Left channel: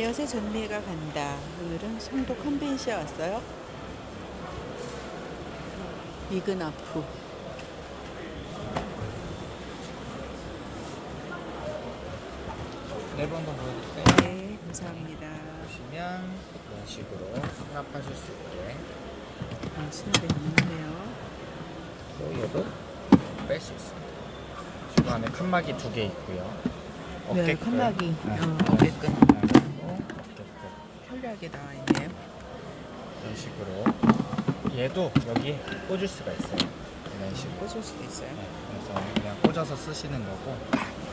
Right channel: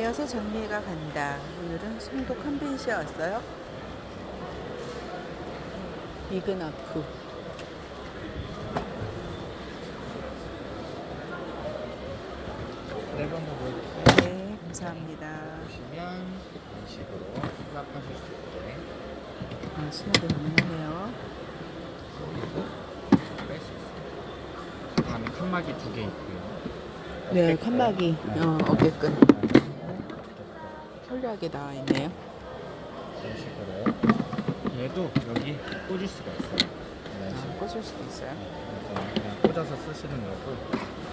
안녕하세요. 전미애가 간다. 오늘은 송도 컨벤시에 왔어요. 네 번도 보여드릴까요? 네, 감사합니다. 보시면 이런 식으로 수납하실 수 있게 아, 수납이 가능하네요. 얘도 뺄수 있어요. 그 다음에 칸막이 두 개 있고요. 네, 어깨끈. 칸막이, 네. 어, 어깨끈. 편리하게 나와 있네요. 이런 식으로 얘도 여기 꽂을 수가 있어요. 이런 아, 식으로. 꽂을 수도 있어요. 그래서 그냥 꽂아서 쓰시는 거고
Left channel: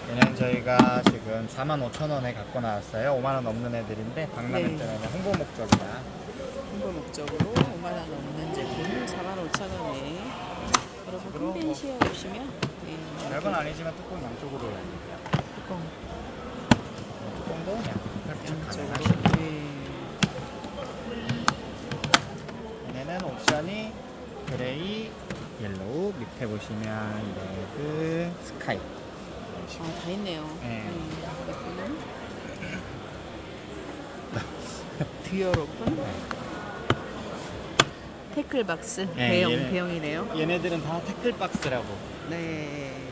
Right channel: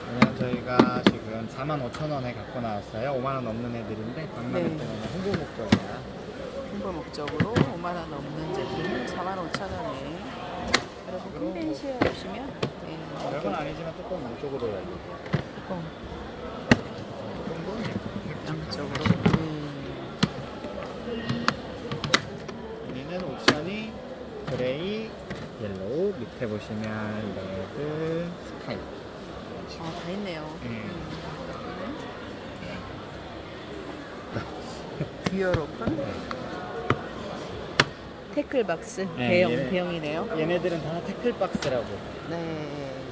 그냥 저희가 지금 45,000원에 갖고 나왔어요 5만 원 넘는 애들인데 박람회 네. 때는 홍보 목적이에요 홍보 목적으로 5만 원 넘는 제품 45,000원에 여러분 컨벤시에 오시면 네, 약은 아니지만 뚜껑 돼요 뚜껑 뚜껑도 네, 양쪽으로 활짝 네. 얘네는 옵션이 그레이, 옐로우 밑에 보시면 레드, 스카이. 아, 다 있네요. 네. 음, 듀얼 오픈. 태클박스 네, 대형 얘네. 대형이네요. 얘네들은 다 태클박스라고 네.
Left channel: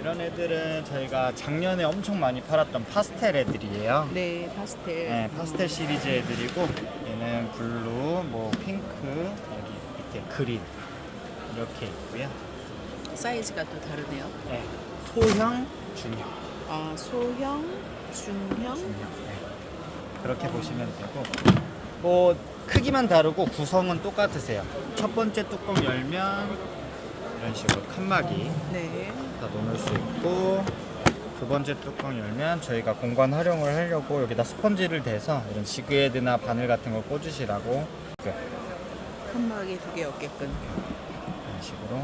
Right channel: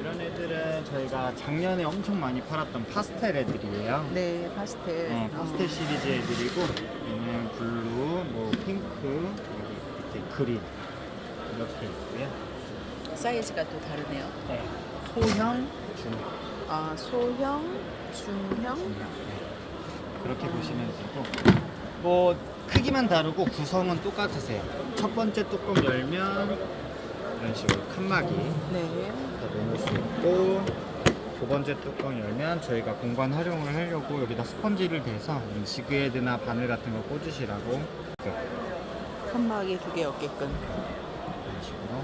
이런 애들은 저희가 작년에 엄청 많이 팔았던 파스텔 애들이에요 네, 파스텔. 네, 파스텔 어, 시리즈 애들이고 얘는 블루, 뭐 핑크, 여기 밑에 그린 이렇게 있고요. 사이즈가 또 다르네요. 네, 소형, 중형, 아, 소형, 중형. 네. 그렇게 보시면 되고 뭐 크기만 다르고 구성은 똑같으세요. 첫 번째 뚜껑 열면 이런 식으로 칸막이 네. 다 놓을 수 있고 두 번째 뚜껑 열면 저희가 공간 활용을 하려고 여기다 스펀지를 대서 이런 지그헤드나 바늘 같은 걸 꽂으시라고 칸막이 두개 어깨끈. 식으로.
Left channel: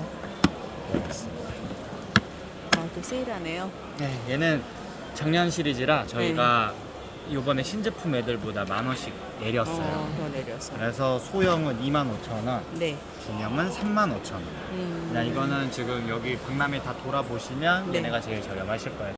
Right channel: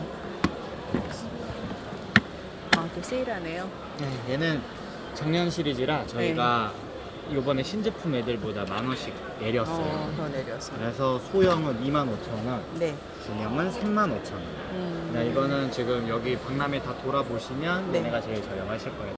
아, 또 세일하네요. 네, 얘는 작년 시리즈라 저희가 이번에 신제품 애들보다 만 원씩 내렸어요. 어, 더 내려서. 그래서 소형은 25,000원, 네. 중형은 35,000원. 음. 그냥 이거는 지금 여기 박람회 다 돌아보시면 네. 얘네가 제일 저렴하실 거예요.